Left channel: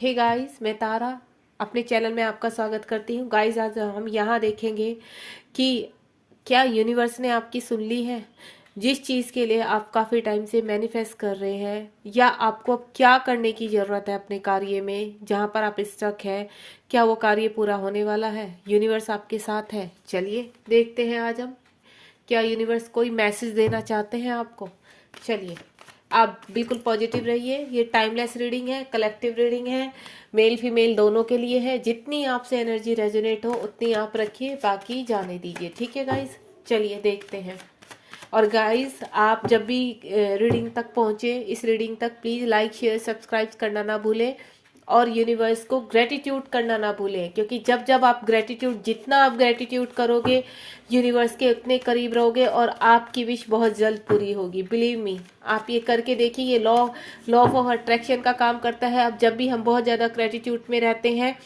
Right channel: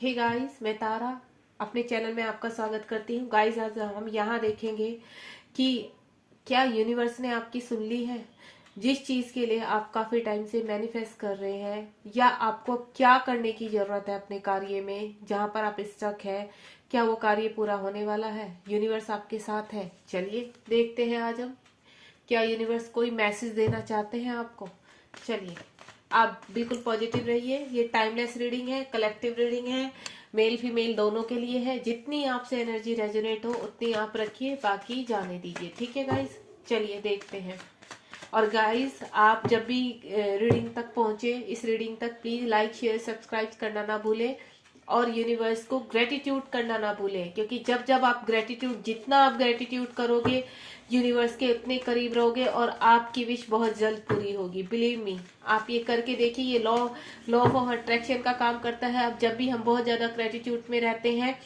Hey guys, मैं तारा अपने channel में आपका स्वागत करती हूँ। गाइस, आज हम यहाँ देखेंगे कि क्या यूनिवर्स ने आपकी सुन ली है। जिस चीज़ के लिए आप काफ़ी टाइम से मैनिफेस्ट कर रहे हैं, या आपको क्या करने की ज़रूरत है अपने कार्य में जहाँ पर आप स्टक है, क्या वो कार्य पूरा होने वाला है। यूनिवर्स आपके साथ है। चलिए देखते हैं आज हम क्या यूनिवर्स कोई मैसेज देना चाहते हैं आपको। चलिए, आप बिल्कुल पॉजिटिव रहिए। ये टाइमलेस रीडिंग है, कलेक्टिव रीडिंग है, मेल फीमेल दोनों के लिए है। जितनी आपसे एनर्जी रेजोनेट हो उतनी आप रखिए, बाकी जाने दीजिए। ठीक है गाइस, चलिए देखते हैं। और गाइस, आप जब भी रीडिंग तक पहुंचे, इस रीडिंग तक प्लीज लाइक शेयर सब्सक्राइब करना ना भूलें, और यूनिवर्स को ग्रेटिट्यूड करना ना भूलें, क्योंकि जब जब आप ग्रेटिट्यूड, जितना आप ग्रेटिट्यूड करोगे यूनिवर्स के उतने करीब रहोगे और आपकी विश बहुत जल्द पूरी होगी। बिलीव मी, आप ये करके देखिए। ये लॉ ऑफ अट्रैक्शन का काम करता है। अब जब भी हम बहुत ज्यादा ग्रेटिट्यूड में रहते हैं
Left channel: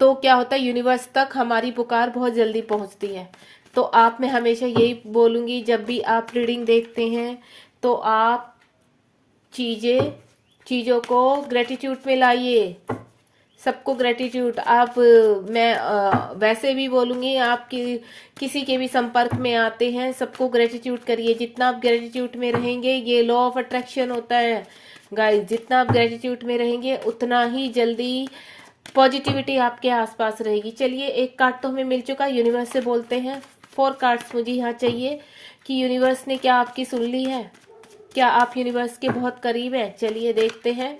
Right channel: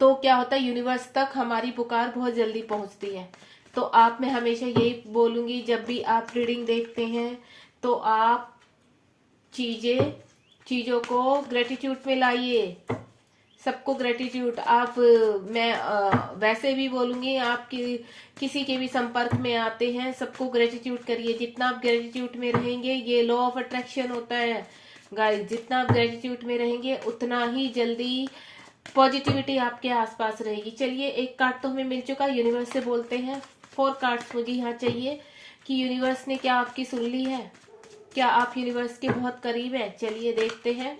तो क्या होता है, यूनिवर्स तक हमारी पुकार बहुत जल्दी पहुंचती है। तो आप, मैं हमेशा यही बोलूंगी, जब भी आप रीडिंग देखते हैं तो आप चीजों को ग्रेटिट्यूड में लाइए। सबको ग्रेटिट्यूड आप, मैं वैसे भी बोलूंगी, आप किसी के भी संपर्क में आते हैं सबको ग्रेटिट्यूड करिए। जितना आप ग्रेटिट्यूड में रहेंगे, ये लॉ ऑफ अट्रैक्शन होता है गाइस, जितना आप ग्रेटिट्यूड में रहेंगे उतना ही जल्दी पॉजिटिविटी आपके आसपास रहेगी। चलिए, एक कार्ड तो हमें मिल चुका है। यूनिवर्स से बोलते हैं। 4 कार्ड्स मुझे यहाँ चाहिए कि यूनिवर्स ने क्या आपकी सुन ली है, क्या आप यूनिवर्स के बहुत करीब है। चलिए देखते हैं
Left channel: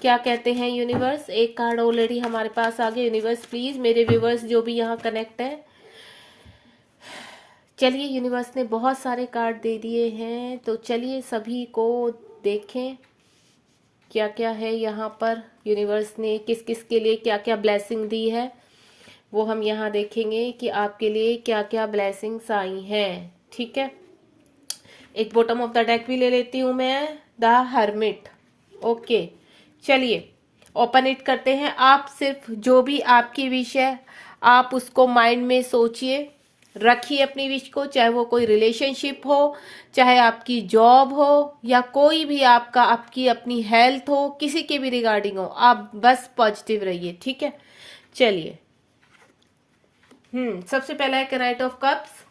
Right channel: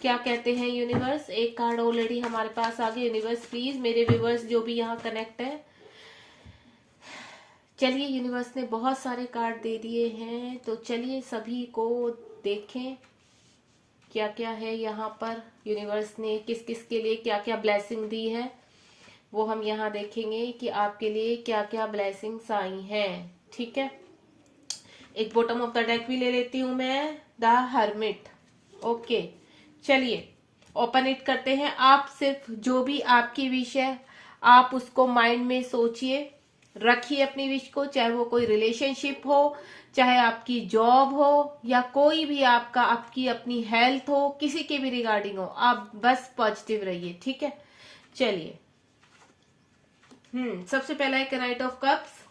क्या कहते हैं यूनिवर्स। एक कार्ड ऑलरेडी हमारे पास आ गया। यूनिवर्स प्लीज, मेरे व्यूवर्स जो भी यहाँ कनेक्ट है, चलिए यूनिवर्स ने बहुत सारे कार्ड दे दिए हैं, तो चलिए सभी को देखें क्या क्या है यहाँ पर। यूनिवर्स ने किस किस के लिए क्या क्या ब्लेसिंग दी है, वो हम यहाँ देखेंगे कि आपके लिए क्या क्या ब्लेसिंग्स आई हैं। ठीक है, एक बॉटम ऑफ द डेक भी ले लेती हूँ मैं, द हर्मिट। ओके, चलिए ओपन इट करते हैं। आप सिर्फ जो भी आपकी विश है आप उसको माइंड में सोचिए, रखिए अपनी विश को। चाहे वो कोई रिलेशनशिप हो, चाहे आपकी जॉब हो, या कोई भी आपका, आपकी अपनी हेल्थ हो, किसी के भी रिगार्डिंग हो, आप बस पॉजिटिव रहिए। ठीक है, चलिए। सबसे पहला है night of cups,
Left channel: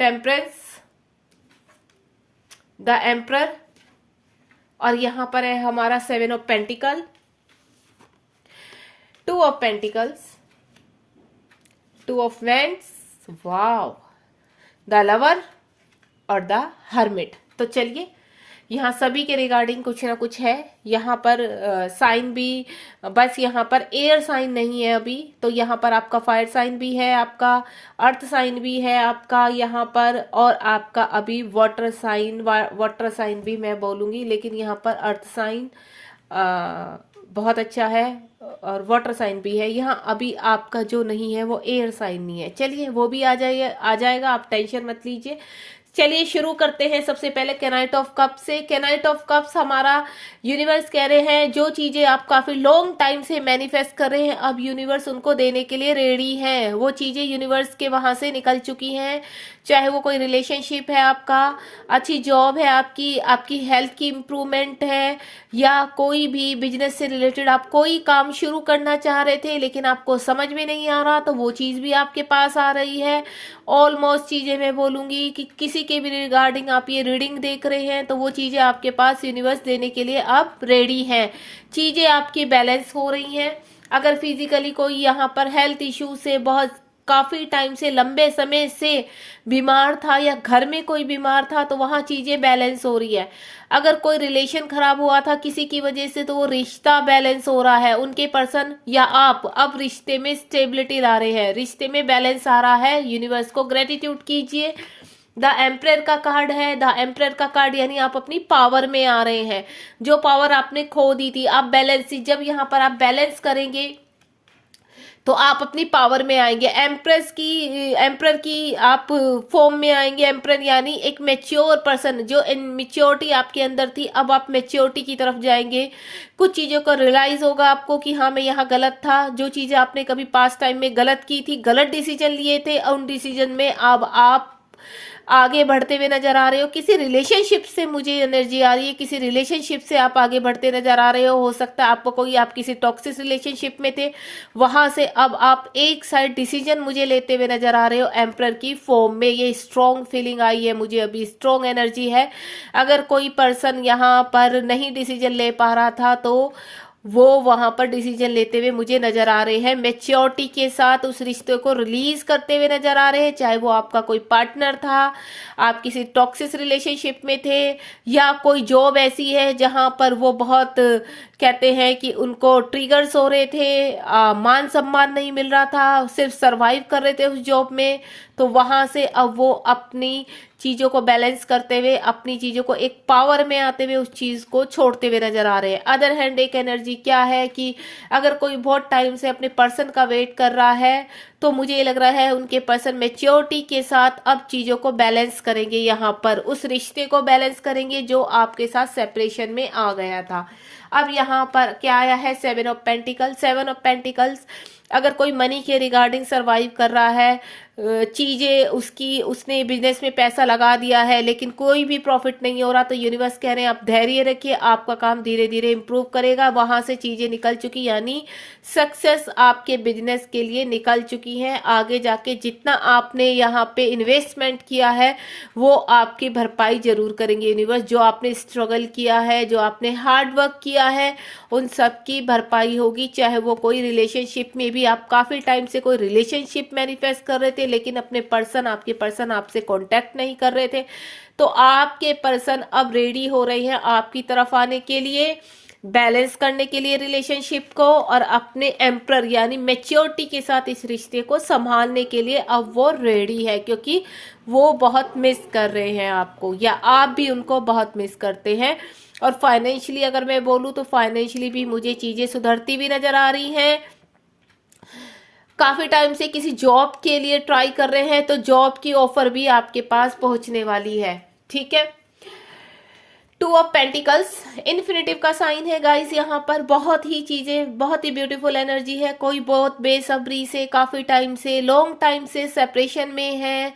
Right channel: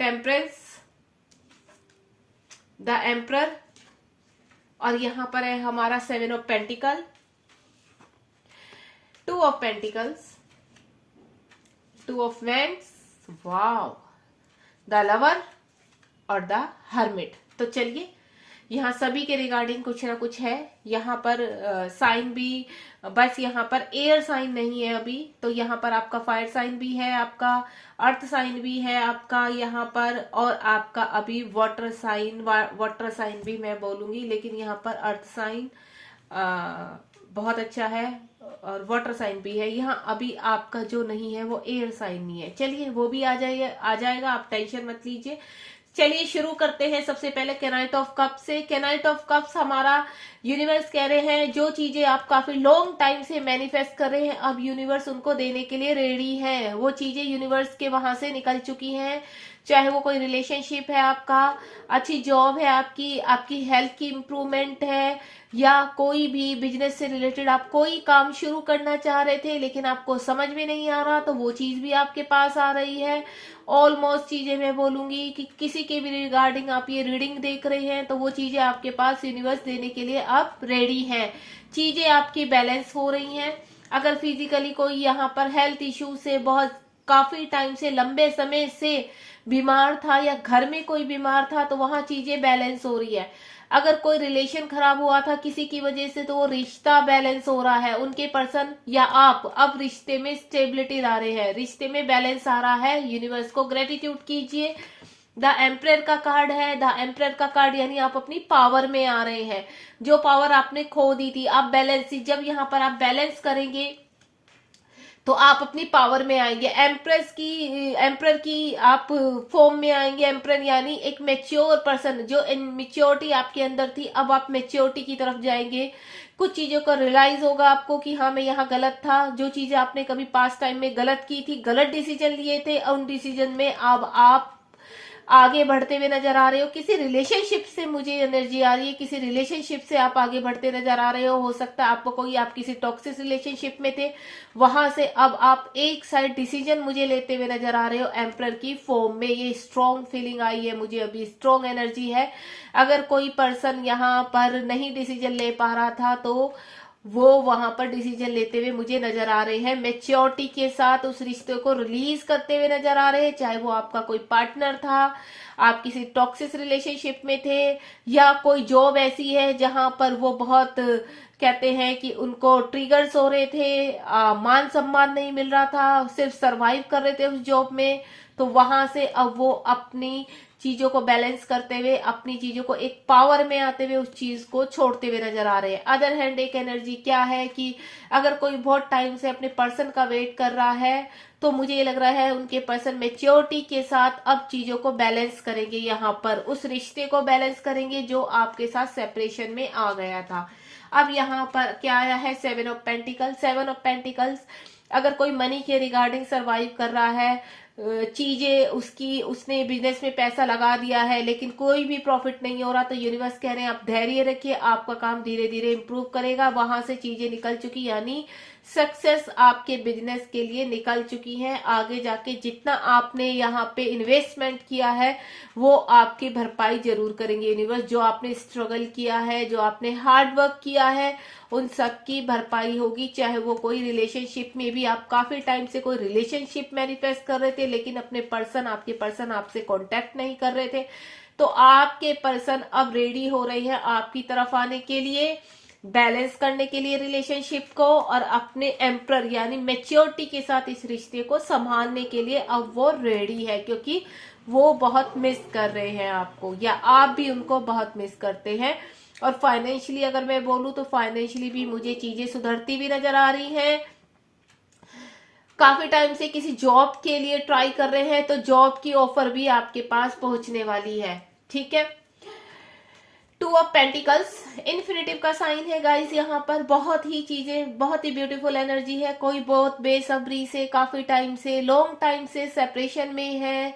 temperance, the emperor, और यहां पर है हमारा 7 of pentacle, 2 of pentacles, 2 of vents, wow, the lover और द हर्मिट। तो चलिए, यहाँ सभी के रिगार्डिंग कुछ ना कुछ है। यहाँ पर साइन भी, बस यहाँ पर एयर साइन नहीं है अभी, तो यहाँ पर आपका फायर साइन भी है, आपका अर्थ साइन भी है आपका यहाँ पर, और आपका अभी वाटर साइन भी मैं बोलूंगी, लेकिन यहाँ पर अर्थ साइन बहुत अच्छा है, और वाटर साइन भी है। यहाँ अभी आपका जो नहीं है वो एयर साइन नहीं है। चलिए, वो भी आ जाएगा, आप टेंशन मत लीजिए। चलिए शुरू करते हैं सबसे पहले कैनाइट ऑफ कप से। कैनाइट ऑफ कप्स हमारा, यूनिवर्स कह रहे हैं जो चीजें आप काफी लॉन्ग टाइम से मैनिफेस्ट कर रहे हैं, अब यूनिवर्स उनको देने के लिए रेडी है। वो चीजें यूनिवर्स के वहां से निकल चुकी हैं। चाहे वो कोई रिलेशनशिप है आपका, अच्छी जॉब है आपकी, आपकी हेल्थ की इम्प्रूवमेंट है, या कोई भी बिजनेस से रिलेटेड आप कोई काम शुरू करना चाह रहे थे लेकिन आपको समझ में नहीं आ रहा, तो वो चीज भी आपके पास आ रही है। ऑलमोस्ट चीजें मैं बोलूंगी कि किसी के भी रिगार्डिंग आप ये रीडिंग देख रहे हैं तो वो चीजें आपके पास यूनिवर्स देने के लिए आप रेडी हैं। चीजें आपकी बैलेंस हो रही हैं। अगर फिजिकली कोई यहाँ पर हेल्थ इश्यू से बहुत काफी टाइम से, लंबे समय से बीमार था, या घर में कोई बीमार था, तो वहां चीजें बैलेंस हो रही है। अगर कोई रिलेशन खराब हुआ था किसी की वजह से, तो वो रिश्ता बैलेंस हो रहा है। उनके पर्सन या आप अब रिश्ते में स्टेबिलिटी ला रहे हैं, रिश्ते में बैलेंस आ रहा है। यूनिवर्स को ग्रेटिट्यूड कीजिए। द एम्परर का कार्ड है। द एम्परर का कार्ड यानी आप अपनी पावर में आ रहे हैं। जो पावर आपने खो दी थी, आप बैलेंस, जब यहाँ पर आप बैलेंस करेंगे तो आप अपनी पावर में आएंगे। एम्परर की आप फॉर्म में आएंगे। एम्परर यानी एक मेच्योर पर्सन, जो मेच्योरिटी आपके अंदर थी, अब आप मेच्योरिटी की तरफ जाएंगे। कुछ चीजों का रियलाइज होगा आपको कि हाँ, मैं यहाँ गलत था। जो चीजें आपने कभी पास्ट टाइम में गलत की थी, गलत डिसीजन लिए थे, उन डिसीजन में अब आगे बढ़ते हुए नजर आ रहे हो। किसी रिलेशनशिप से मुझे एनर्जी आ रही है, किसी रिलेशनशिप से आप आगे बढ़ते नजर आ रहे हो सकता है आपको कोई, आप किसी टॉक्सिक रिलेशनशिप में थे, वहां से अब आप एक साइड डिसीजन मुझे लेते हुए नजर आ रहे हो एम्परर की फॉर्म में। ये स्ट्रॉन्ग फीलिंग आई है मुझे, अभी स्ट्रॉन्ग एनर्जी है। अगर कोई पर्सन यहाँ पर नहीं डिसीजन ले पा रहा था तो वो वहां पर डिसीजन लेते हुए मुझे नजर आ रहे हैं, मेच्योरिटी के साथ उस रिश्ते को रिलीज करते हुए नजर आ रहे हैं। चाहे वो आपका कोई पार्टनर था, आप किसी टॉक्सिक रिलेशनशिप में थे, या कोई जॉब ऐसी है जहां पर वो बहुत कहते हैं कि उनको ट्रिगर्स हो रहे थे, मान सम्मान नहीं मिल रहा था, सिर्फ सरवाइव कर रहे थे उस जॉब में, तो वहां से अब वो अपनी चीजों को बैलेंस करते हुए, अपनी चीजों को एक पावर में आते हुए उस चीज को छोड़ते हुए नजर आ रहे हैं। अदर हैंड एक एनर्जी क्या है कि अगर कोई बहुत टाइम से अपने पर्सन का वेट कर रहा है तो मुझे ये लग रहा है उनके पर्सन मेच्योरिटी के साथ अब चीजों को बैलेंस करेंगे, यहाँ पर उस रिश्ते को बैलेंस करेंगे जो आपके साथ सेपरेशन में आ गया था। अब यहाँ पर क्या आया है, 7 ऑफ पेंटिकल्स। 7 ऑफ पेंटिकल्स, अगर कोई मनी के रिगार्डिंग सरवाइव कर रहा है, चीजें उसकी, उसने बिजनेस में पैसा लगा दिया है लेकिन कोई भी प्रॉफिट नहीं हो रहा, तो यूनिवर्स कह रहे हैं आप धैर्य रखिए, आपका काम धीरे धीरे इंप्रूव करेगा। वहां से चीजें निकल चुकी, यानी सक्सेस आपके बिजनेस के लिए निकल चुकी है। आगे जाके जितना आपने यहाँ पे इन्वेस्टमेंट किया है वो आपकी भरपाई जरूर करेंगे यूनिवर्स। जो आपने स्ट्रगल किया है, जो आपने हार्ड वर्क किया है, उन सब की भरपाई होगी। चाहे वो कोई रिलेशनशिप में भी आप काफी टाइम से कोई रिलेशनशिप मैनिफेस्ट कर रहे थे लेकिन अपने पर्सन, आपके पर्सन आपसे कांटेक्ट नहीं कर रहे थे, तो आपके पर्सन अब रेडी हो रहे हैं आपकी तरफ आने के लिए, बैलेंस करने के लिए रिलेशनशिप को, और अपने एम्प्रर यानी मेच्योरिटी के साथ इस रिश्ते को संभालने के लिए अब वो रेडी है, क्योंकि वो बहुत मिस कर रहे हैं आपको, या आप भी उनको बहुत मिस करते हैं। और फाइनेंशियली अगर मैं बोलूं तो फाइनेंशियली भी मुझे चीजें सुधरती भी नजर आ रही हैं। काफी टाइम से किसी जॉब के लिए ट्राई कर रहे हैं तो जॉब की ऑफर भी आपके पास पहुंचने वाली है, ठीक है। 2 ऑफ पेंटिकल्स इन्फिनिटिव का साइन है गाइस। यहाँ पर बहुत ही चीजें, बहुत ही ब्यूटीफुल एनर्जी है। कोई बहुत बेसब्री से, काफी टाइम से, लॉन्ग टाइम से सेपरेशन में है,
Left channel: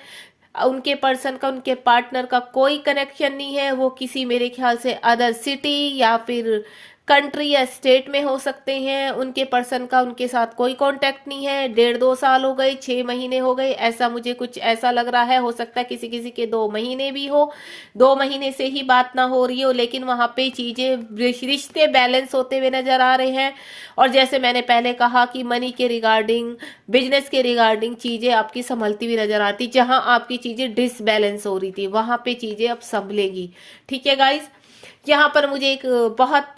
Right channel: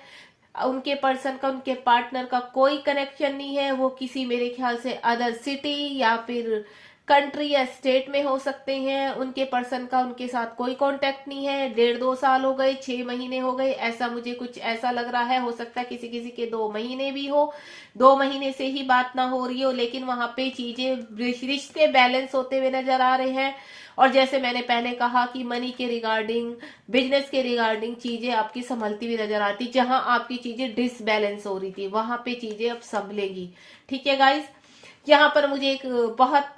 उनके पर्सन का, उनके पार्टनर का कोई कनेक्शन नहीं है। वो किसी, मेरे ख्याल से अदर सिटी या फिर कंट्री या स्टेट में हो सकते हैं। उनके पर्सन का उनके साथ कोई कांटेक्ट नहीं है। 1.5-2 साल हो गए, 6 महीने हो गए, ऐसा मुझे कुछ ऐसा लग रहा है। हो सकता है किसी किसी के 2 महीने भी हो, 2 महीने से ही बात ना हो रही हो, लेकिन वहां पे चीजें, रिश्ते बैलेंस होते हुए नजर आ रहे हैं। और जैसे मैंने पहले कहा कि मनी के रिगार्डिंग, बिजनेस के रिगार्डिंग चीजें आपकी संभलती हुई नजर आती, जहां आपकी चीजें डिसबैलेंस हो रही थी वहां पे चीजें अब संभलेगी, ठीक है गाइज। यहाँ पर मुझे एक बहुत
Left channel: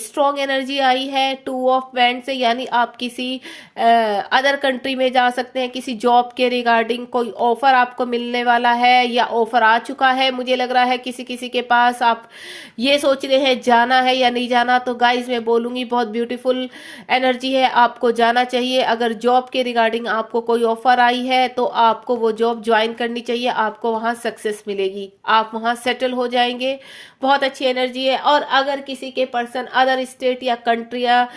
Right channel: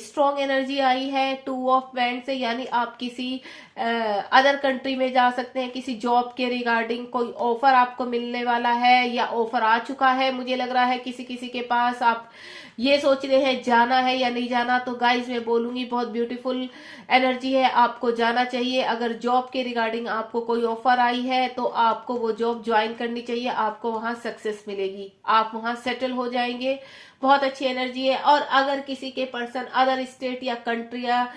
स्ट्रॉन्ग एनर्जी आई है 2 ऑफ वैंड से, यानी आप किसी अदर कंट्री में जा सकते हैं, किसी जॉब के रिगार्डिंग कोई ऑफर आपको मिलने वाला है या ऑफर आ चुका है मुझे लग रहा है किसी किसी के पास। आप ये सोच रहे हैं जाना है या नहीं जाना, तो गाइज मैं बोलूंगी बहुत ब्यूटीफुल एनर्जी है, आपको जाना चाहिए। अगर जॉब के रिगार्डिंग आपको कोई ऑफर आई है तो आपको वो जॉब ज्वाइन करनी चाहिए, आपको वहां सक्सेस मिलेगी, आप वहां सेटल हो जाएंगे। बहुत अच्छी एनर्जी है। और अगर किसी के पर्सन अदर स्टेट या कंट्री या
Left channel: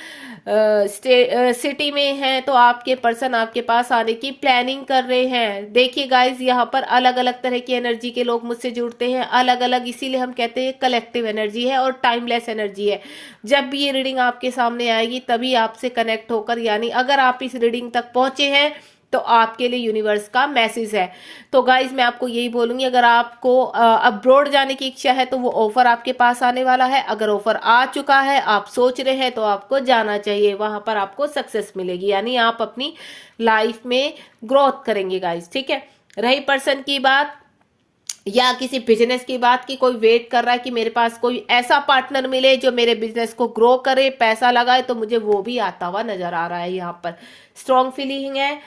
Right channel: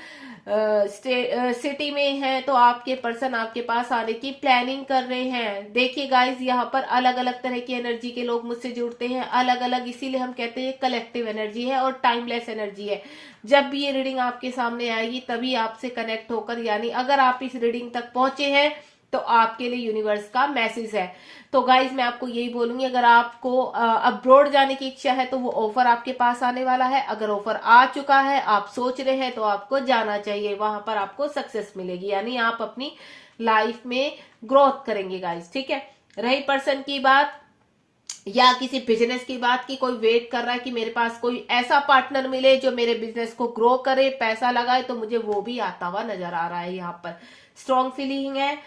सिटी में है तो आपके पर्सन आपके पास आने की प्लानिंग कर रहे हैं। देखिए गाइज, यहाँ पर अलग अलग तरह की एनर्जी के लोग मुझसे जुड़ते हैं, अलग अलग, इसीलिए हम कहते हैं कलेक्टिव एनर्जी है और टाइमलेस एनर्जी है। जब भी ये रीडिंग आपके सामने आएगी तभी आपसे कनेक्ट होकर, यानी अगर आप इस रीडिंग तक पहुंचे हैं तो आपके लिए यूनिवर्स का मैसेज है। तो गाइज मैं आपको यही बोलूंगी, अगर आपको अब्रॉड जाने की इच्छा है तो वो ऑफर आपके पास आने वाला है। अगर ऑफर आ चुका है, आप सोच रहे हैं, तो आपको जाना चाहिए, वहां पर आपको सक्सेस मिलेगी, यानी आप अपनी लाइफ में ग्रोथ करेंगे गाइज, ठीक है। रही पर्सन की बात या किसी बिजनेस की बात की, कोई वेट कर रहा है कि मेरे पास कोई ऐसा पार्टनर मिले जो मेरे बिजनेस को ग्रो करे, पैसा लगाए, तो मुझे वो भी आता हुआ नजर आ रहा है। यहाँ पर स्ट्रॉन्ग फीलिंग है।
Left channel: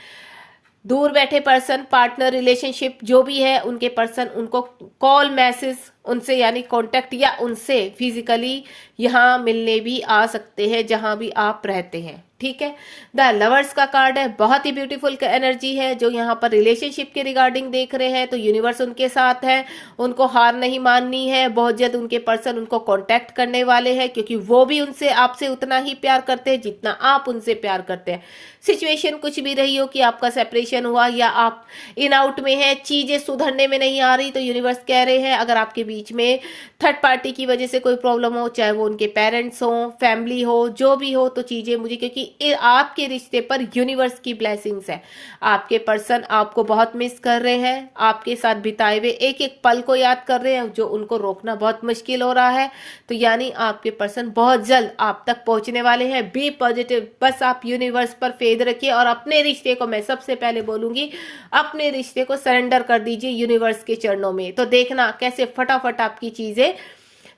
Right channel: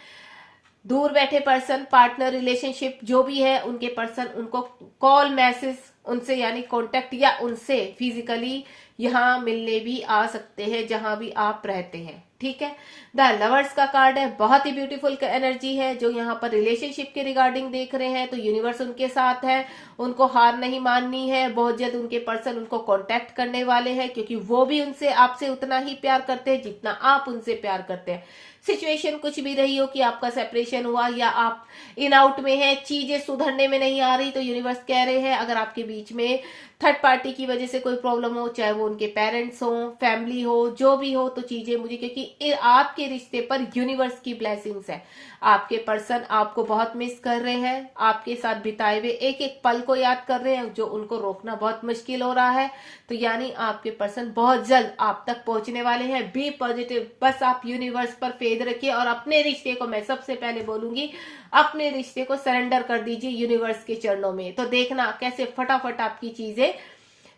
दूर बैठे पर्सन, पार्टनर, रिलेशनशिप जो भी है, उनके पर्सन उनको कॉल, मैसेज उनसे यानी कांटेक्ट या उनसे फिजिकली यहाँ मिलने भी आ सकते हैं जहां भी आप रहते हैं। ठीक है, द लवर्स का कार्ड है, बहुत ही ब्यूटीफुल एनर्जी है। जो यहाँ पर रिलेशनशिप के रिगार्डिंग देख रहे हैं तो यूनिवर्स उनके साथ है, उनको हार नहीं माननी है। बहुत जल्द उनके पर्सन उनको कांटेक्ट करने वाले हैं, क्योंकि वो भी उनसे आपसे उतना ही प्यार करते हैं जितना आप उनसे प्यार करते हैं। सिचुएशन कुछ भी रही हो कि आपका सेपरेशन हुआ या आप इन आउट में है, चीजें सुधरने में नहीं आ रही, तो यूनिवर्स कह रहे हैं अगर आपके बीच में थर्ड पार्टी की वजह से कोई प्रॉब्लम हो, चाहे वो उनके पेरेंट्स हो, फैमिली हो, जो भी हो, तो चीजें मुझे, क्योंकि आपके रिश्ते पर यूनिवर्स की ब्लेसिंग्स है। आपके पर्सन आपको बहुत मिस कर रहे हैं, आपके साथ बिताए हुए एक एक पल को याद कर रहे हैं, जो उनको रोकना बहुत मुश्किल हो रहा है। तो यानी आपके पर्सन बहुत जल्द आप तक पहुंचने वाले हैं। बी पॉजिटिव, बस आप यूनिवर्स पर फेथ रखिए और अपने रिश्ते को, मैं सबसे पहले बोलूंगी, अपने रिश्ते को सरेंडर कर दीजिए यूनिवर्स के चरणों में। तो देखना कैसे फटाफट आपकी चीजें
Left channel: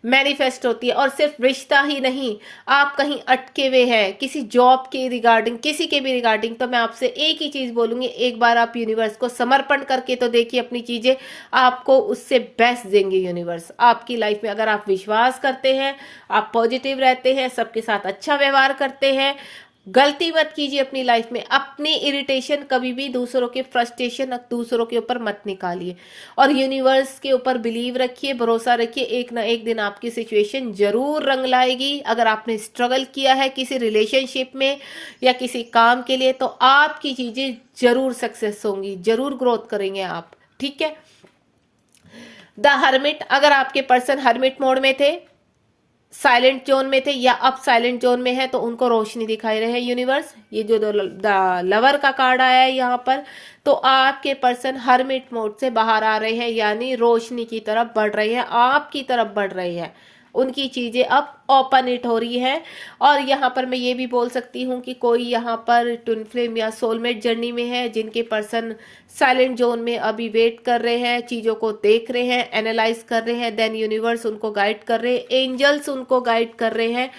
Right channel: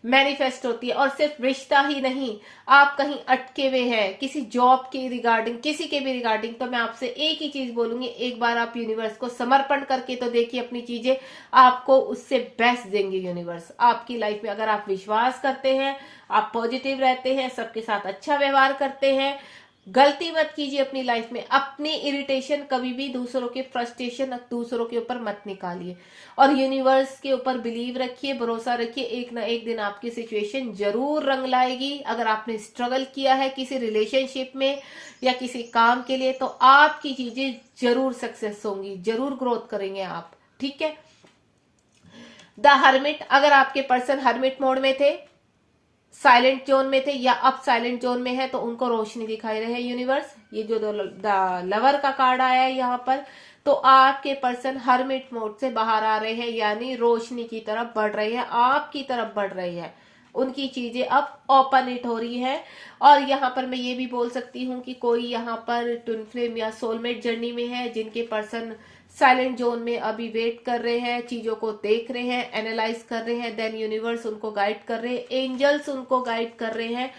मैनिफेस्ट होती है। और सिर्फ रिश्ता ही नहीं, आप कहीं अटके हुए हैं किसी जॉब के रिगार्डिंग, किसी के भी रिगार्डिंग, तो मैं आपसे एक ही चीज बोलूंगी, एक बार आप यूनिवर्स को समर्पण करके तो देखिए अपनी चीजें, आपको उससे बेस्ट देंगे यूनिवर्स आपकी लाइफ में। अगर आप विश्वास करते हैं, आप पॉजिटिव रहते हैं, सबके साथ अच्छा व्यवहार करते हैं, गलती मत कीजिए अपनी लाइफ में। अपनी इरिटेशन कभी भी, दूसरों के फ्रस्ट्रेशन दूसरों के ऊपर मत निकालिए और यूनिवर्स के ऊपर बिलीव रखिए, भरोसा रखिए। एक ना एक दिन आपकी सिचुएशन जरूर रंग लाएगी। अगर आपने स्ट्रगल किया है किसी रिलेशनशिप में या किसी काम के लिए, तो आपकी चीजें जरूर सक्सेस होंगी, जरूर ग्रोथ करेंगे आप। ठीक है, द हर्मिट, अगर आपके पर्सन हर्मिट मोड में थे, साइलेंट जोन में थे या अब साइलेंट जोन में है, तो उनको रोशनी दिखाई रहे हैं यूनिवर्स। ये जो द लवर का कार्ड आया है यहाँ पर, तो आपके पर्सन हर्मिट मोड से बाहर आ रहे हैं, यानी रोशनी की तरफ बढ़ रहे हैं, आपकी तरफ बढ़ रहे हैं। उनकी चीजें अब ओपन इट हो रही है। और यहाँ पर मैं ये भी बोल सकती हूँ कि कोई यहाँ पर ट्विन फ्लेम या सोलमेट जर्नी में है, जिनके पर्सन साइलेंट जोन में अभी वेट कर रहे हैं, चीजों को देख रहे हैं, एनालाइज कर रहे हैं, देन यूनिवर्स उनको गाइड कर रहे हैं, एंजल्स उनको गाइड कर रहे हैं।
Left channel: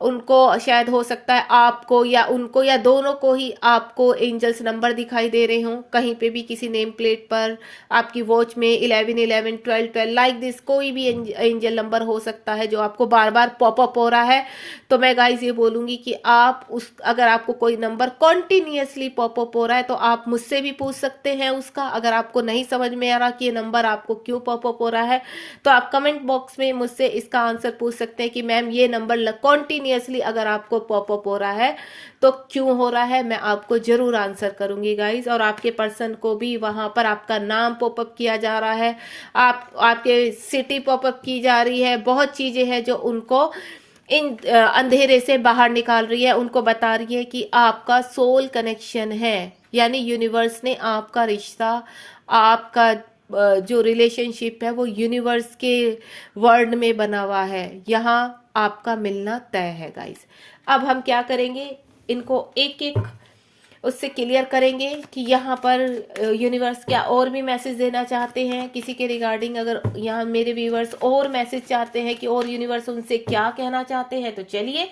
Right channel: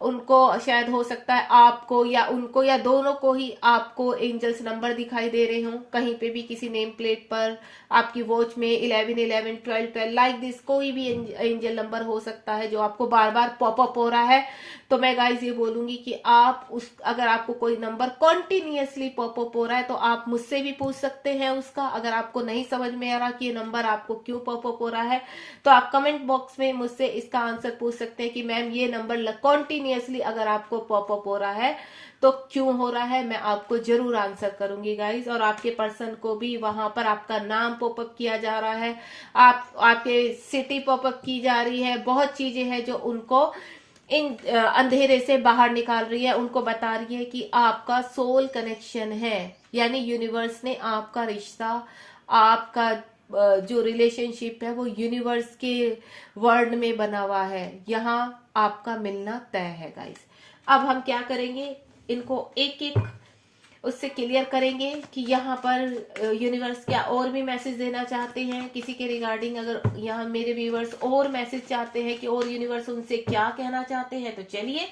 उनको शायद हो सकता है आपको या उनको या दोनों को ही आपको एंजल्स नंबर दिखाई दे रहे हो कहीं पे भी, किसी नेम प्लेट पर, आपकी वॉच में 11 11 12 12 लाइक दिस, कोई भी एंजल नंबर हो सकता है जो आपको बार बार पॉपअप हो रहा है। तो मैं गाइस ये बोलूंगी कि आप अगर आपको कोई नंबर कॉन्टिन्यूसली पॉपअप हो रहा है, तो आप मुझसे भी पूछ सकते हैं उसका। अगर आपको नहीं समझ में आ रहा कि ये नंबर आपको क्यों पॉपअप हो रहा है, तो आप कमेंट बॉक्स में मुझसे इसका आंसर पूछ सकते हैं कि मैम ये नंबर कॉन्टिन्यूसली अगर आपको पॉपअप हो रहा है तो क्यों हो रहा है। मैं आपको जरूर आंसर करूंगी गाइस। और आपके पर्सन को भी वहां पर आपका नाम पॉपअप किया जा रहा है, आपके सिटी पॉपअप की जा रही है, बहुत चीजें हैं जो उनको इन अंधेरे से बाहर निकाल रही है, उनको बता रही है कि आपका सोल कनेक्शन है। यानी यूनिवर्स ने आपका रिश्ता, आपका जो रिलेशनशिप है वो यूनिवर्स के वर्ल्ड में बना हुआ है, यहाँ आपका मिलना तय है गाइस। अब हम क्या करेंगे, इनको एक एक उससे क्लियर करेंगे कि यहाँ पर यूनिवर्स क्या और भी मैसेज देना चाहते हैं किसी के रिगार्डिंग। अगर यहाँ मेरे व्यूवर्स और मैसेज चाहते हैं कि और यूनिवर्स उनसे क्या कहना चाहते हैं, तो चलिए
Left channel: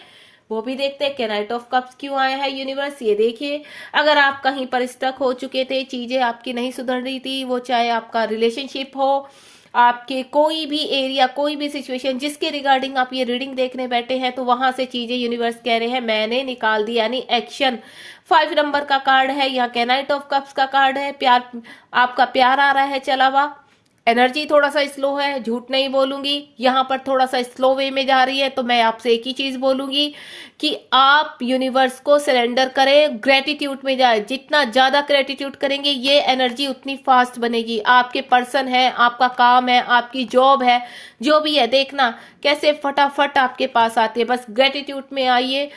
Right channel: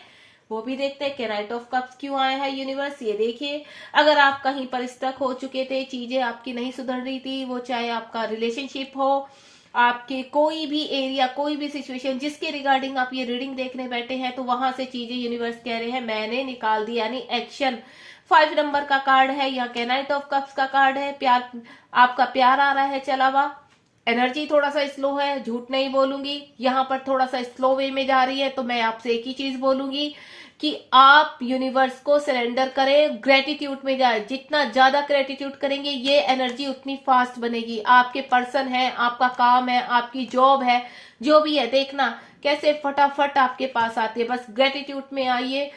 वो भी देखते हैं कि नाइट ऑफ कप्स क्यों आया है यूनिवर्स। ये देखिए, अगर आप कहीं पर स्टक हो चुके थे, चीजें आपकी नहीं सुधर रही थी, वो चाहे आपका रिलेशनशिप हो, आपके कोई भी एरिया, कोई भी सिचुएशन जिसके रिगार्डिंग आप ये रीडिंग देखने बैठे हैं, तो वहां से चीजें यूनिवर्स कह रहे हैं मैंने निकाल दी, यानी एक्शन। 5 नंबर का कार्ड है, यहाँ के नाइट ऑफ कप्स का कार्ड है, प्यार, आपका प्यार आ रहा है चला हुआ। एनर्जी थोड़ा सा स्लो है, झूठ नहीं बोलूंगी, यहाँ पर थोड़ा सा स्लो वे में जा रही है। तो मैं आपसे एक ही चीज बोलूंगी कि आप यूनिवर्स को सरेंडर करें, ग्रेटिट्यूड में जाए। जितना ज्यादा ग्रेटिट्यूड करेंगे, ये एनर्जी उतनी फास्ट बनेगी। आपके पर्सन है, आपका काम है, आपकी जॉब है, जो भी है, देखना कैसे फटाफट आपके पास आते हैं। बस ग्रेटिट्यूड में आइए,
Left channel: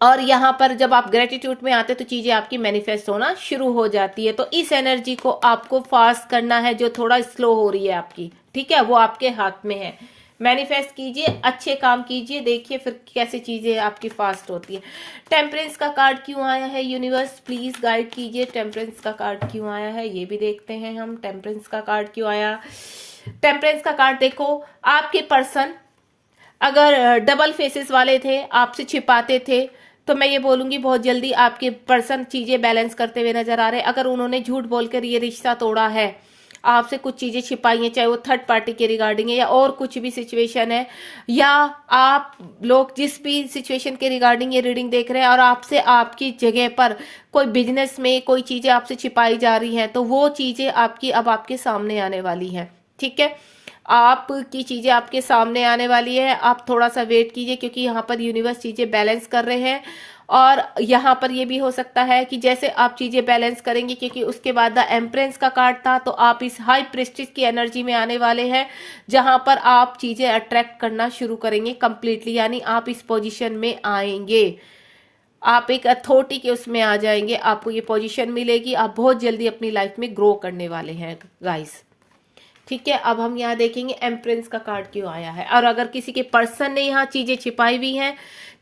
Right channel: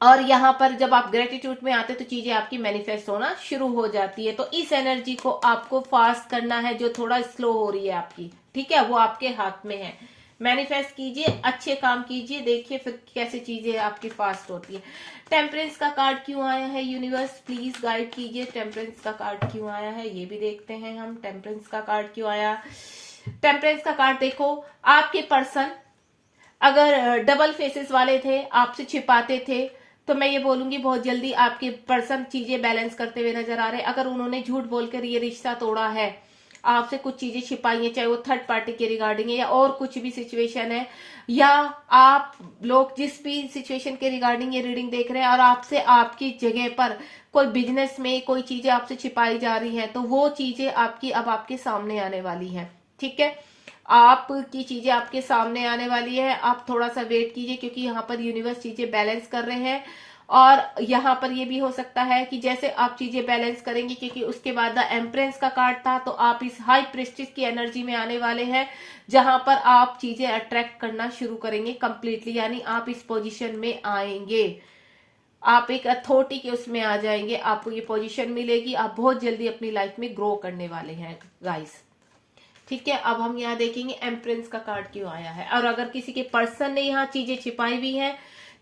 और यहाँ पर जब आप ग्रेटिट्यूड में आते तो चीजें आपकी मैनिफेस्ट होना शुरू हो जाती है। तो इस एनर्जी को आपको फास्ट करना है, जो थोड़ा स्लो हो रही है आपकी, ठीक है, वो आपके हाथ में है। मैनिफेस्ट कीजिए, अच्छे काम कीजिए, देखिए फिर कैसे चीजें आपकी फास्ट होती है। टेम्परेंस का कार्ड क्यों आया है यूनिवर्स, प्लीज गाइड कीजिए। टेम्परेंस का कार्ड क्यों आया है ये भी देखते हैं हम। टेम्परेंस का कार्ड क्यों आया, टेम्परेंस का कार्ड देखो, आपके पर्सन अगर डबल फेसेस वाले थे, आपसे छिपाते थे, तो मैं ये बोलूंगी बहुत जल्दी आपके पर्सन चीजें बैलेंस करते हुए नजर आ रहे हैं। अगर उन्होंने झूठ बोलकर ये रिश्ता तोड़ा है, आपसे कुछ चीजें छिपाई हैं, चाहे वो थर्ड पार्टी के रिगार्डिंग है या और कुछ भी सिचुएशन है, या आप लोग जिस भी सिचुएशन के रिगार्डिंग ये रीडिंग देख रहे हैं और आपसे आपकी जगह पर कोई बिजनेस में कोई चीजें आपसे छिपाई जा रही हैं, तो वो चीजें आपकी अब आपके सामने आने वाली हैं। ठीक है, आपकी चीजें आपके सामने आने वाली है। आप थोड़ा सा वेट कीजिए, क्योंकि यहाँ पर यूनिवर्स चीजें बैलेंस कर रहे हैं। और यहाँ पर ये भी हो सकता है कि जैसे आप चीजें बैलेंस करेंगे, क्योंकि उसके बाद द एम्प्रेस का कार्ड था, तो आप इस हाई प्रेस्टिज की एनर्जी में आने वाले हैं, जहां पर आप चीजें अट्रैक्ट करना शुरू करेंगे कंप्लीटली, यानी आप इस पोजीशन में आएंगे, आप एक अथॉरिटी के उसमें आ जाएंगे, आपको ये पोजीशन मिलेगी, आप बहुत जल्दी अपनी लाइफ में ग्रो करने वाले हैं गाइस। ठीक है, अब हम यहाँ देखेंगे एम्प्रेस का कार्ड क्यों आया है, और अगर किसी के पर्सन ने यहाँ चीजें छिपाई हुई हैं,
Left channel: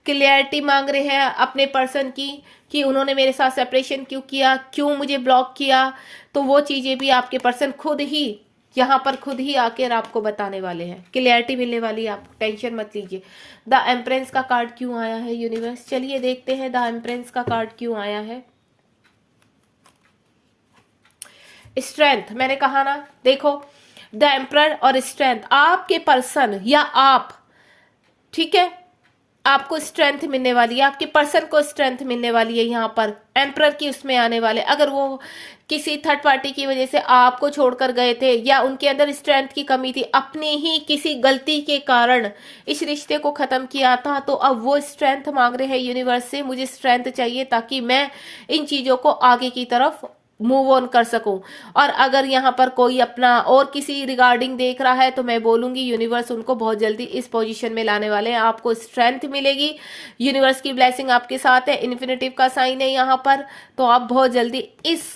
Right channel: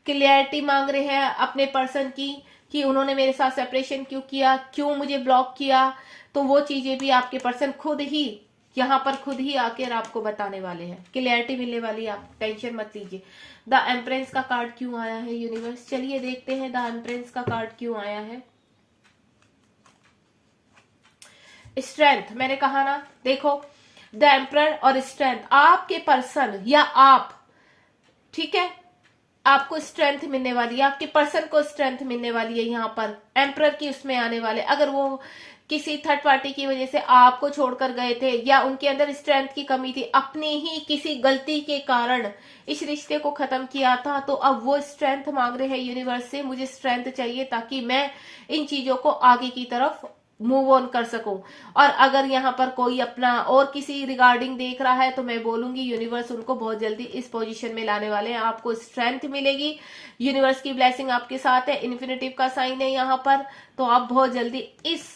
क्लियरिटी मांग रहे हैं अपने पर्सन की कि उन्होंने मेरे साथ सेपरेशन क्यों किया, क्यों मुझे ब्लॉक किया, तो वो चीजें भी आपके पर्सन खुद ही यहाँ पर खुद ही आकर आपको बताने वाले हैं, क्लियरिटी मिलने वाली है, आप टेंशन मत लीजिए। द एम्प्रेस का कार्ड क्यों आया है यूनिवर्स, चलिए देखते हैं द एम्प्रेस का कार्ड क्यों आया है। स्ट्रेंथ, मैंने कहा ना, देखो द एम्परर और स्ट्रेंथ, आपके पर्सन या आप, ठीक है, आपको स्ट्रेंथ मिलने वाली है, आपके पर्सन को स्ट्रेंथ मिलने वाली है यहाँ पर एम्परर की उसमें आने वाले। अगर वो किसी थर्ड पार्टी की वजह से आपको छोड़कर गए थे, या उनके अंदर स्ट्रेंथ की कमी थी, अपनी ही किसी गलती के कारण इस रिश्ते को खत्म किया था, तो अब वो स्ट्रेंथ मांग रहे हैं यूनिवर्स से, मुझे स्ट्रेंथ चाहिए ताकि मैं इन चीजों को आगे की तरफ मूव ऑन कर सकूं। और अगर यहाँ पर कोई अपना और किसी रिगार्डिंग देख रहा है, तो मैं बोलूंगी यूनिवर्स उनको बहुत जल्दी इस पोजीशन में लाने वाले हैं, आपको स्ट्रेंथ मिलेगी, यूनिवर्स की ब्लेसिंग आपके साथ है, इन्फिनिटिव का साइन है यहाँ पर, तो आप बहुत जल्दी इस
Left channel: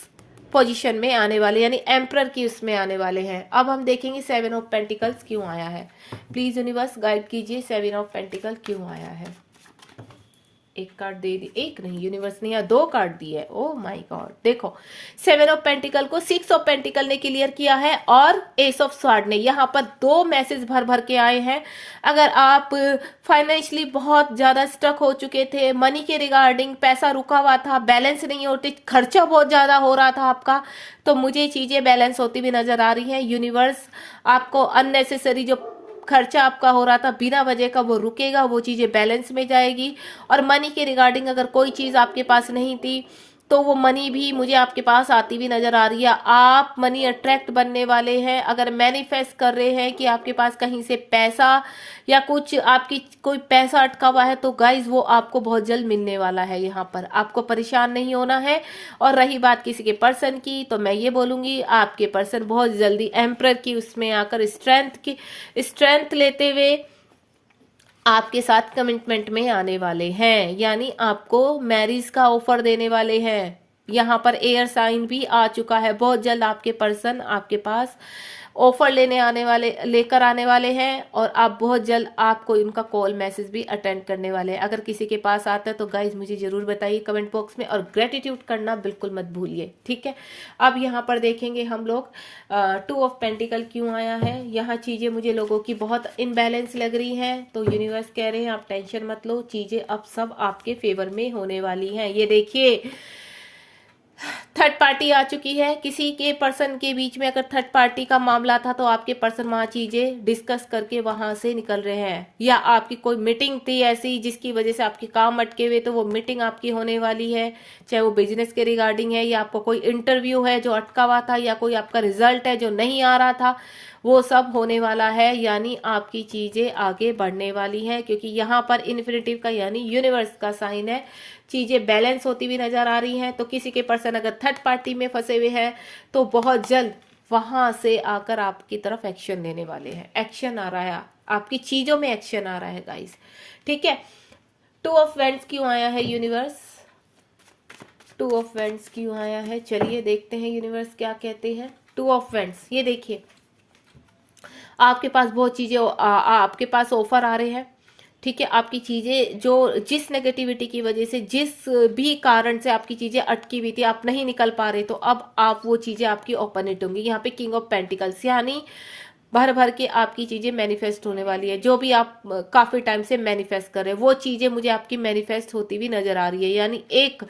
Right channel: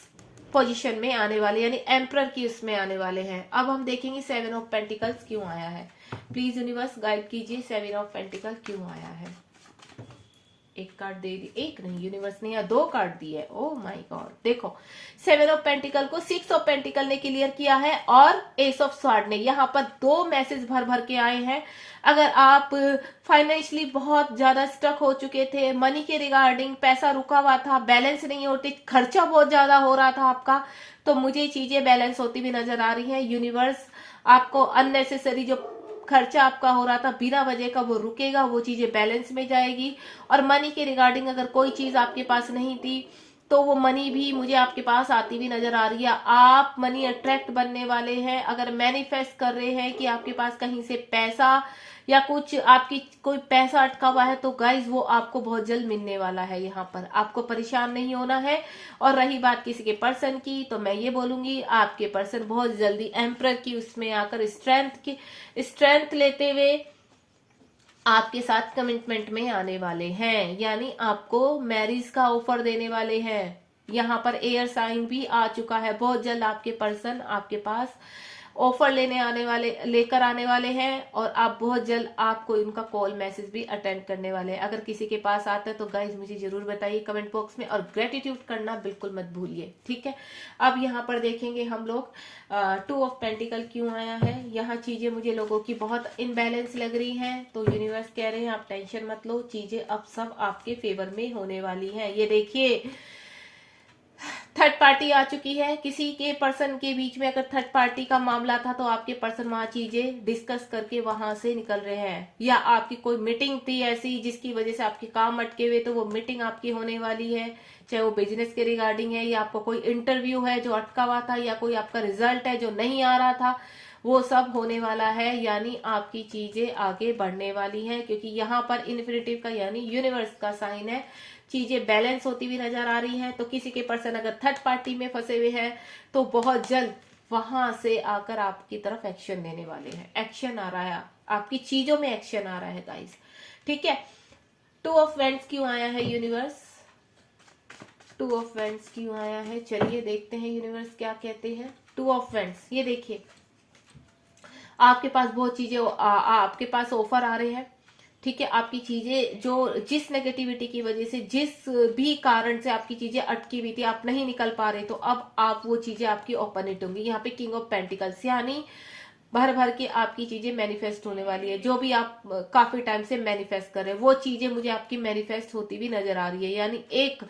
पोजीशन में आने वाले, यानी एम्परर की उसमें आने वाले हैं। अब हम देखेंगे 7 ऑफ पेंटिकल्स क्यों आया है, प्लीज यूनिवर्स गाइड कीजिए 7 ऑफ पेंटिकल क्यों आया है। एक कार्ड दे दी, एक नहीं, यूनिवर्स ने यहाँ 2 कार्ड दिए, ओह माय गॉड। देखो 7 ऑफ पेंटिकल को 6 ऑफ पेंटिकल ने क्लियर किया है, और एस ऑफ स्वॉर्ड ने, यहाँ पर 2 मैसेज भर भर के आए हैं। अगर आप फाइनेंशियली बहुत ज्यादा स्टक हो चुके थे, मनी के रिगार्डिंग पैसा रुका हुआ था, बैलेंस नहीं होते, खर्चा बहुत ज्यादा हो रहा था आपका, तो मुझे चीजें बैलेंस होती हुई नजर आ रही हैं। यूनिवर्स आपको अननेसेसरी जो खर्चा आपका हो रहा था बिना वजह का, वो रुकेगा, वो चीजें बैलेंस में जाएगी। और मनी के रिगार्डिंग अगर कोई चीज आपके पास नहीं थी, तो वो मनी भी मुझे आपके पास आती हुई नजर आ रही है। आप मनी अट्रैक्ट बनने वाले हैं। अगर मैनिफेस्ट कर रहे हैं कि आपके पास कहीं से पैसा या कुछ आपकी कोई पैसा अटका हुआ है, तो गाइज वो आपको बहुत जल्द मिलने वाला है। यहाँ पर आपको परेशान नहीं होना है। और रही बात किसी के पर्सन की, तो मैं ये बोलूंगी आपके पर्सन बहुत जल्दी एम्परर की उसमें आकर स्ट्रेंथ लेते हुए आपके साथ कमिटमेंट में आने वाले हैं, यानी आपको मैरिज का ऑफर देने वाले हैं। यहाँ पर एयर साइन भी आ चुका है, बहुत जल्द आपके पर्सन आपके पास ऑफर लेकर आने वाले हैं, और आप बहुत जल्द आपको उनका कॉल मैसेज भी अटेंड करने वाले हैं। अगर किसी के पास आता है तो गाइज मुझे जरूर बताइए कमेंट बॉक्स में, और ग्रेटिट्यूड करना बिल्कुल मत भूलिए, ठीक है। अब यहाँ पर देखेंगे हम लोग 2 ऑफ पेंटिकल क्यों आया है। यहाँ चीजें मुझे लोगों की बहुत इनबैलेंस लग रही हैं, तो यूनिवर्स कह रहे हैं आप टेंशन मत लो, चीजें अब सब आपके फेवर में होने वाली हैं। ये देखिए थर्ड पार्टी आ चुकी है, किसी के पर्सन के बीच में अगर थर्ड पार्टी का मामला था, तो आपके पर्सन वहां चीजें डिस्कस करके वहां से निकल रहे हैं। या आपकी कोई मीटिंग थी ऐसी जिसकी वजह से आपके काम अटके हुए, तो वो मीटिंग आपकी होने वाली है, चाहे वो बिजनेस के रिगार्डिंग है, या आपको कोई इंटरव्यू है जो अटका हुआ था, या कोई आपका रिजल्ट है जो नहीं आ रहा था, वो सब होने वाला है। यानी आपकी चीजें आगे बढ़ने वाली है, क्योंकि यहाँ पर इन्फिनिटिव का यानी यूनिवर्स का साइन है, चीजें बैलेंस होती हुई नजर आ रही हैं। तो किसी के पर्सन अगर थर्ड पार्टी में फंसे हुए हैं, तो बहुत जल्द वहां से आकर आपकी तरफ एक्शन लेने वाले हैं। एक्शन आ रहा है, आपकी चीजों में एक्शन आ रहा है गाइस, ठीक है। 2 ऑफ वेंड्स क्यों आया है यूनिवर्स, 2 ऑफ वेंड्स क्यों आया है, चलिए देखते हैं यूनिवर्स क्या कहते हैं। 2 ऑफ वेंड्स, ये देखिए आपके पास बहुत चीजें आपके पास ऑफर आ रहे हैं, ठीक है। आपकी चीजें जो जिस नेगेटिविटी की वजह से, जिस भी कारण से आपकी चीजें अटकी हुई थी, आप नहीं निकल पा रहे, तो अब आप वो चीजें आपकी ओपन हिट होंगी। यहाँ पे किंग ऑफ पेंटिकल्स, यानी भर भर के आपकी चीजें मैनिफेस्ट होने वाली है। जो भी आप काफी टाइम से मैनिफेस्ट कर रहे हैं वो चीजें मुझे आपकी मैनिफेस्ट होती हुई नजर आ रही है। यानी एक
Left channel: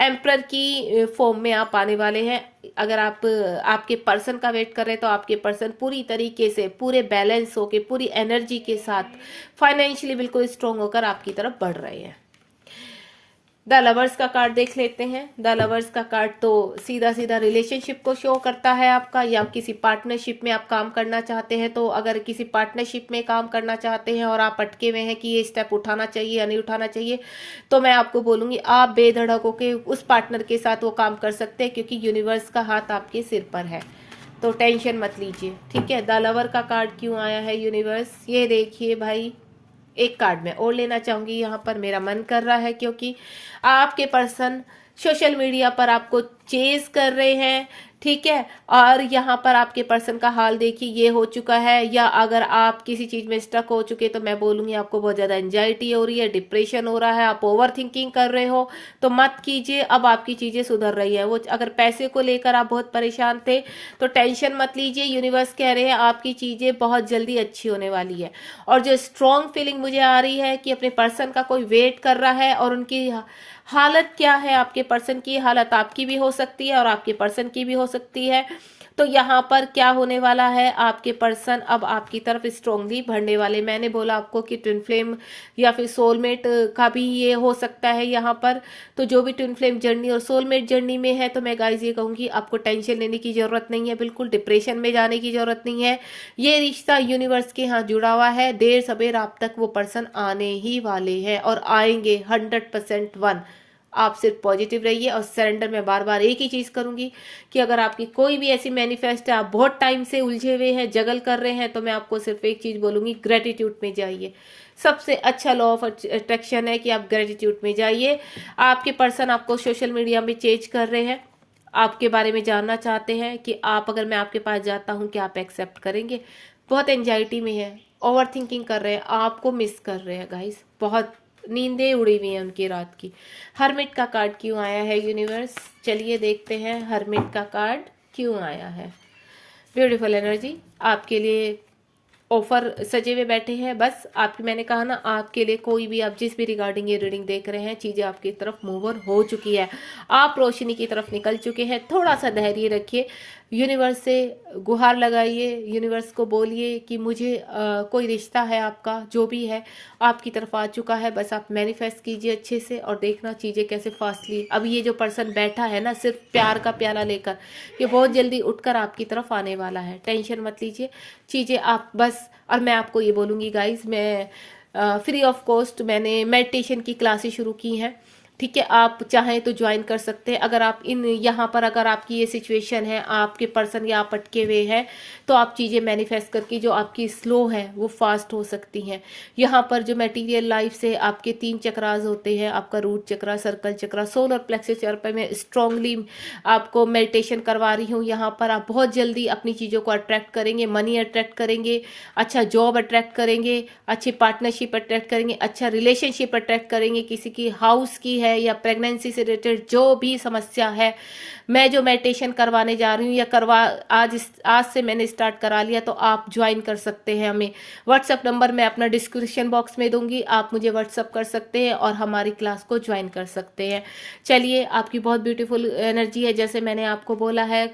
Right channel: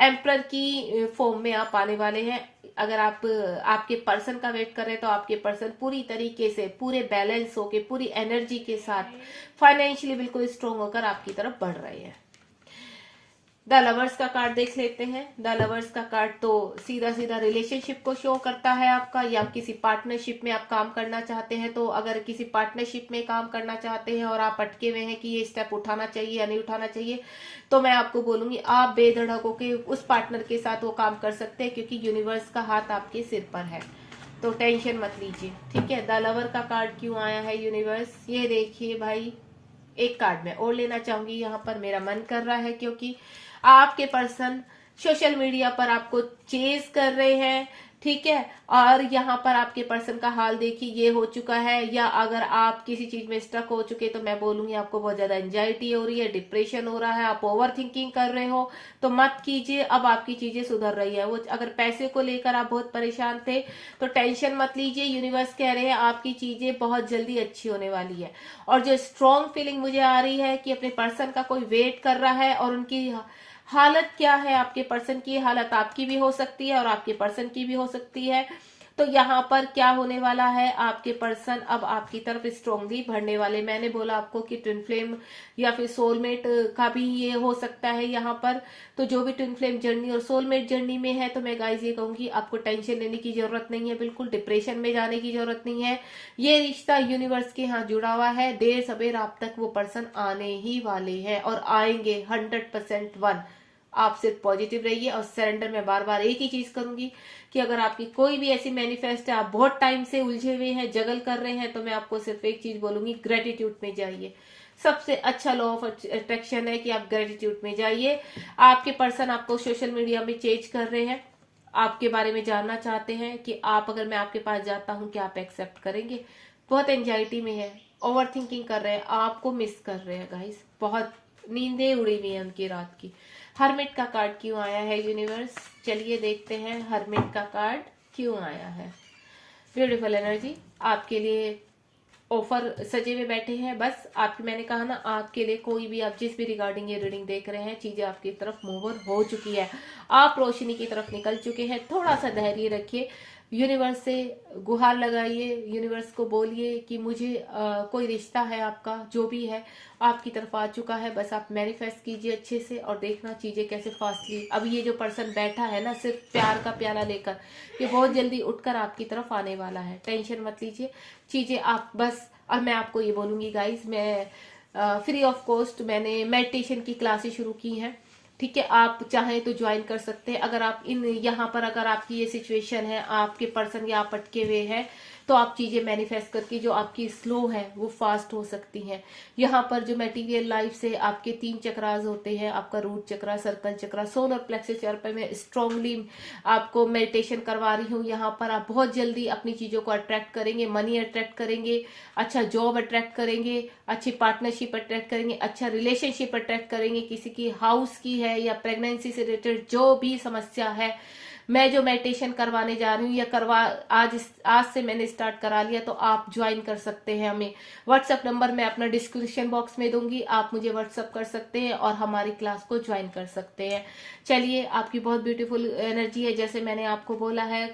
एम्परर की फॉर्म में आप आने वाले हैं। अगर आप आपके पर्सन का वेट कर रहे हैं तो आपके पर्सन पूरी तरीके से पूरे बैलेंस होके पूरी एनर्जी के साथ फाइनेंशियली बिल्कुल स्ट्रांग होकर आपकी तरफ बढ़ रहे हैं। द लवर्स का कार्ड देख लेते हैं। द लवर्स का कार्ड तो सीधा सीधा रिलेशनशिप को शो करता है आपका, या किसी पार्टनरशिप में आप काम करना चाहते हैं। तो अगर किसी पार्टनरशिप में काम करना चाहते हैं और आप अटके हुए हैं कि ये स्टेप उठाना चाहिए या नहीं उठाना चाहिए, तो मैं आपको बोलूंगी आप बेधड़क होकर उस पार्टनर के साथ वो काम कर सकते हैं, क्योंकि यूनिवर्स का हाथ आपके सिर पर है। तो टेंशन मत लीजिए, ठीक है। द लवर का कार्ड क्यों आया है यूनिवर्स, ये देखिए भाई। एक कार्ड मैं और लेना चाहूंगी यहाँ पर, मेरा मन कर रहा है, क्योंकि आपके पर्सन सोशल मीडिया पर आपको चेज कर रहे हैं, ठीक है। और यहाँ पर आपके पर्सन का हाल देखिए, ये हो चुका है। या अगर आप किसी चीज में स्टक हो चुके तो मैं बोलूंगी आपको बहुत ज्यादा एंजाइटी हो रही है, डिप्रेशन हो रहा है, आप ओवर थिंकिंग कर रहे हो, तो मत कीजिए। अब आपकी चीजें सुधर रही है। वो अगर पैसे को लेकर आप बहुत परेशान थे तो टेंशन मत लीजिए। यूनिवर्स कह रहे हैं आपकी चीजें बहुत जल्दी अच्छी होने वाली है। और जो स्ट्रॉन्ग फीलिंग मुझे आ रही है कि अपने पर्सन का कोई वेट कर रहा है, और उनकी हालत क्या है, आपके पर्सन की हालत आपकी भी हो सकती है और आपके पर्सन की भी हो सकती है। तो यहाँ पर क्या होने वाला है, आपके पर्सन अब आपकी तरफ स्ट्रांगली बढ़ने वाले। मैंने बोला आपको कि ट्विन फ्लेम या फिर सोलमेट का भी ये हो सकता है यहाँ पर। तो जो भी ट्विन फ्लेम जर्नी और सोलमेट जर्नी में है, तो मैं गाइज ये कहूंगी आपको टेंशन लेने की जरूरत नहीं है, बिल्कुल डिप्रेशन में जाने की जरूरत नहीं है। ये रिश्ता यूनिवर्स के यहाँ जुड़ा हुआ है, देर सवेर आप तक वो पर्सन आने ही वाले हैं और आएंगे 100% वन। आप सिर्फ पॉजिटिव रहिए और सरेंडर। में बार बार एक ही चीज करूंगी कि अगर आपकी कोई भी ऐसी मैनिफेस्ट है, आप बहुत टाइम से उलझे हुए हैं, जगल कर रहे हैं, तो मैं आपको सिर्फ एक चीज बोलूंगी, ग्रेटिट्यूड में जाइए। सबसे अच्छा लॉ ऑफ अट्रैक्शन है कि आप ग्रेटिट्यूड में जाइए। आपके पर्सन आपको सोशल मीडिया में चेंज कर रहे हैं, आपके बारे में जानना चाहते हैं कि आप, अगर मैं आपके पास जाता हूं, कि आप एक्सेप्ट करेंगे। बहुत एंजाइटी में है, ओवर थिंकिंग कर रहे हैं, आपको मिस कर रहे हैं गाइस, बहुत नींदें उड़ी हुई हैं उनकी रात की। हरमिट का कार्ड क्यों आया है यूनिवर्स, चलिए देखते हैं हरमिट का कार्ड क्यों आया है। ब्यूटीफुल एनर्जी आपके लिए ऑफर सजे हुए बैठे हैं। बस आपकी, मैंने कहा ना, आपके लिए कोई भी, आप जिस भी रिगार्डिंग ये रीडिंग देख रहे हैं, चीजें आपकी तरफ मूवर हो चुकी है, आप रोशनी की तरफ निकल चुके हैं। थोड़ा सा धैर्य रखिए, यूनिवर्स से गुहार लगाइए, यूनिवर्स को बोलिए कि मुझे कोई रिश्ता है आपका, जो भी है आपकी तरफ आ चुका है। बस आप मैनिफेस्ट कीजिए अच्छे से और देखना चीजें कैसे फास्टली। अब ये जो पर्सन बैठा है ना सिर्फ प्यार का प्याला लेकर, ये बहुत जल्दी उठकर आपकी तरफ आने वाला है। टेंशन मत लीजिए, चीजें आप बस। और मैं आपको ये बोलूंगी गाइज, मैं फ्री ऑफ कॉस्ट मैंने मेडिटेशन की क्लासेस शुरू की हैं, ठीक है। आप चाहें तो ज्वाइन कर सकते हैं। अगर आप यहाँ पर, अगर आपकी ये सिचुएशन है, आपके पर्सन या आप अटके हुए हैं, तो आप चीजें मैनिफेस्ट करके जो आपकी स्लो है वो फास्ट हो सकती हैं। यहाँ पर जो मटेरियल लाइफ से आपके 3 चक्रास होते हैं, आपका रूट चक्रा, सर्कल चक्रा, सोलर प्लेक्सस चक्र पे मैं स्ट्रांगली आपको मेडिटेशन करवा रही हूँ। यहाँ पर आप बहुत जल्दी अपनी चीजों को अट्रैक्ट करेंगे, मनी अट्रैक्ट करेंगे, अच्छा जॉब अट्रैक्ट करेंगे, अच्छी पार्टनरशिप अट्रैक्ट करेंगे, अच्छा रिलेशनशिप अट्रैक्ट करेंगे। किसी की हाउस की है या प्रेगनेंसी से रिलेटेड जो भी समस्या है, मैं जो मेडिटेशन करवाने जा रही हूँ या आज से मैंने स्टार्ट करा लिया, तो आप ज्वाइन कर सकते हैं हमें। व्हाट्सएप नंबर मैं अपना डिस्क्रिप्शन बॉक्स में दूंगी, आप मुझे व्हाट्सएप कर सकते हैं और हमारी क्लास को ज्वाइन कर सकते हैं। चलिए, आपकी बहुत ब्यूटीफुल एनर्जी है, जैसे मैंने आपको बोला है।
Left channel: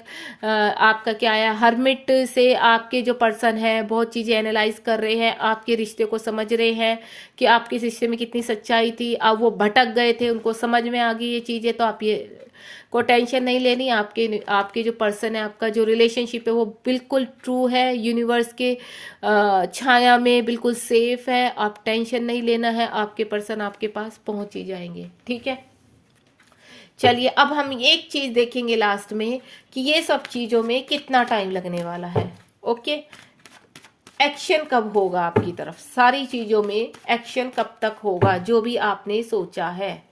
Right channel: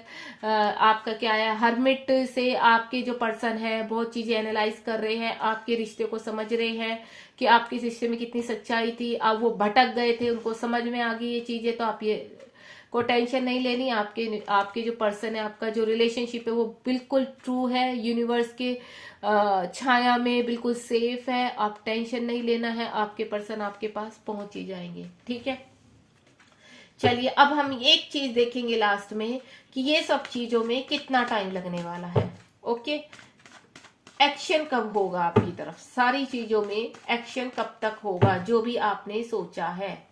आपका क्या है, हर्मिट से आपके जो पर्सन है बहुत चीजें एनालाइज कर रहे हैं, आपके रिश्ते को समझ रहे हैं कि आपके रिश्ते में कितनी सच्चाई थी। अब वो भटक गए थे, उनको समझ में आ गई ये चीजें। तो आप ये को टेंशन नहीं लेनी। आपके जो पर्सन है, आपका जो रिलेशनशिप है वो बिल्कुल ट्रू है, यूनिवर्स के छाया में बिल्कुल सेफ है। आप टेंशन नहीं लेना है, आपके पर्सन आपके पास पहुंच ही जाएंगे, ठीक है। चलिए, अब हम एक चीज देखेंगे लास्ट में कि ये सब चीजों में कितना टाइम लगने वाला है। ओके, एक्शन कब होगा आपकी तरफ, सारी चीजों में एक्शन कब तक होगा, जो भी आपने सोचा है।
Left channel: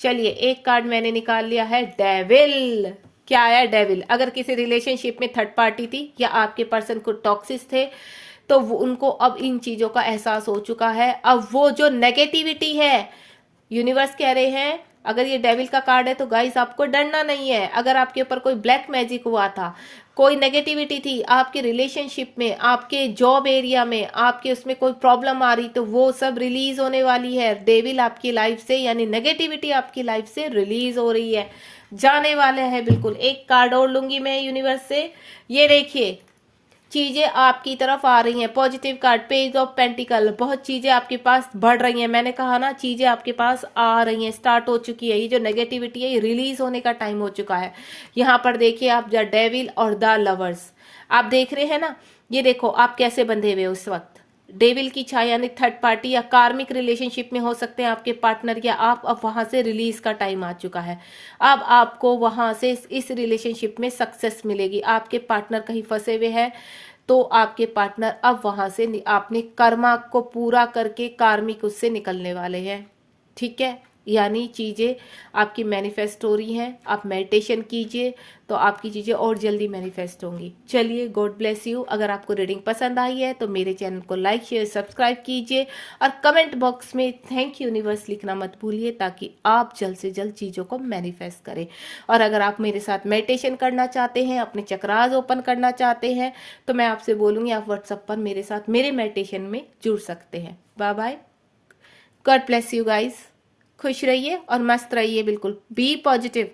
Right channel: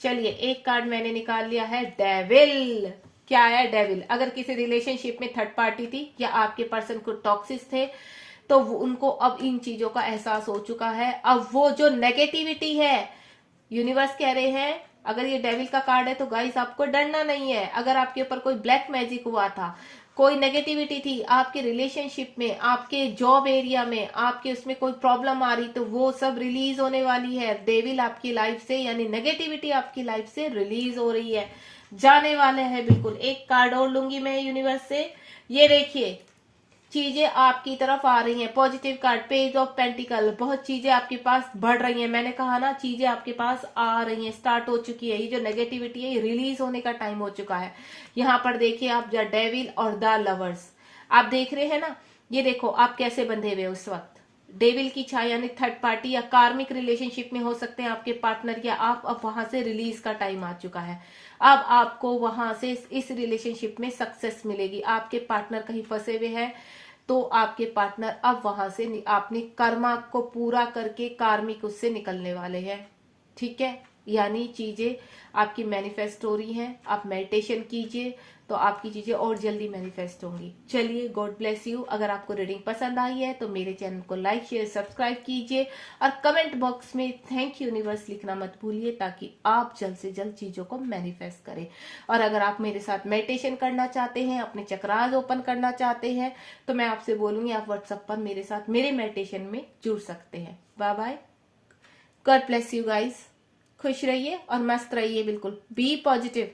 चलिए, एक कार्ड मैंने निकाल लिया है, डेविल। क्या आया, डेविल। अगर किसी रिलेशनशिप में थर्ड पार्टी थी या आपके पर्सन को टॉक्सिस थे, तो उनको अब इन चीजों का एहसास हो चुका है। अब वो जो नेगेटिविटी है, यूनिवर्स कह रहे हैं, अगर ये डेविल का कार्ड है तो गाइस आपको डरना नहीं है। अगर आपके ऊपर कोई ब्लैक मैजिक हुआ था, कोई नेगेटिविटी थी आपके रिलेशनशिप में, आपके जॉब एरिया में, आपके उसमें कोई प्रॉब्लम आ रही, तो वो सब रिलीज होने वाली है। डेविल आपकी लाइफ से यानी नेगेटिविटी आपकी लाइफ से रिलीज हो रही है, जाने वाले हैं बिल्कुल। एक कार्ड और लूंगी मैं यूनिवर्स से। ये देखिए चीजें आपकी तरफ आ रही हैं। Positive card, page of pentacle, बहुत चीजें आपके पास बढ़ रही हैं। मैंने कहा ना चीजें आपके पास आ रही हैं, स्टार्ट हो चुकी है। ये जो नेगेटिविटी है ये रिलीज होने का टाइम हो चुका है। यहाँ पर देखिए आप द डेविल और द लवर्स आप देख रहे हैं ना। ये देखो आप कैसे बंधे हुए उस वक्त, डेविल की छाया यानी थर्ड पार्टी या कार्मिक रिलेशनशिप में हो सकते हैं आपके पार्टनर या आप। अब वहां से रिलीज का टाइम आ चुका है। अब आपको वहां से इस रिलेशनशिप में सक्सेस मिलेगी। आपके पार्टनर कहीं फंसे हुए हैं तो आपके पार्टनर अब वहां से आपने कर्मा को पूरा करके कार्मिक उससे निकलने वाले हैं। ठीक है, यानी चीजें आपकी मैनिफेस्ट हो रही हैं। आप मेडिटेशन कीजिए तो आपकी चीजें और जल्दी मैनिफेस्ट होंगी। चलिए, गॉड ब्लेस यू। अगर आपको रीडिंग पसंद आई है तो मेरे चैनल को लाइक शेयर सब्सक्राइब कीजिए और कमेंट बॉक्स में थैंक यूनिवर्स लिखना मत भूलिए, ताकि आप जल्द से जल्द चीजों को मैनिफेस्ट करें। और अगर आप मेरे साथ मेडिटेशन करना चाहते हैं, अपने चक्रास ओपन करना चाहते हैं, तो मैं आपसे बोलूंगी आप व्हाट्सएप पर मेरे साथ मेरे मेडिटेशन में जुड़ सकते हैं। Bye bye, God bless you guys. खुश रहिए और मस्त रहिए, बिल्कुल बी पॉजिटिव।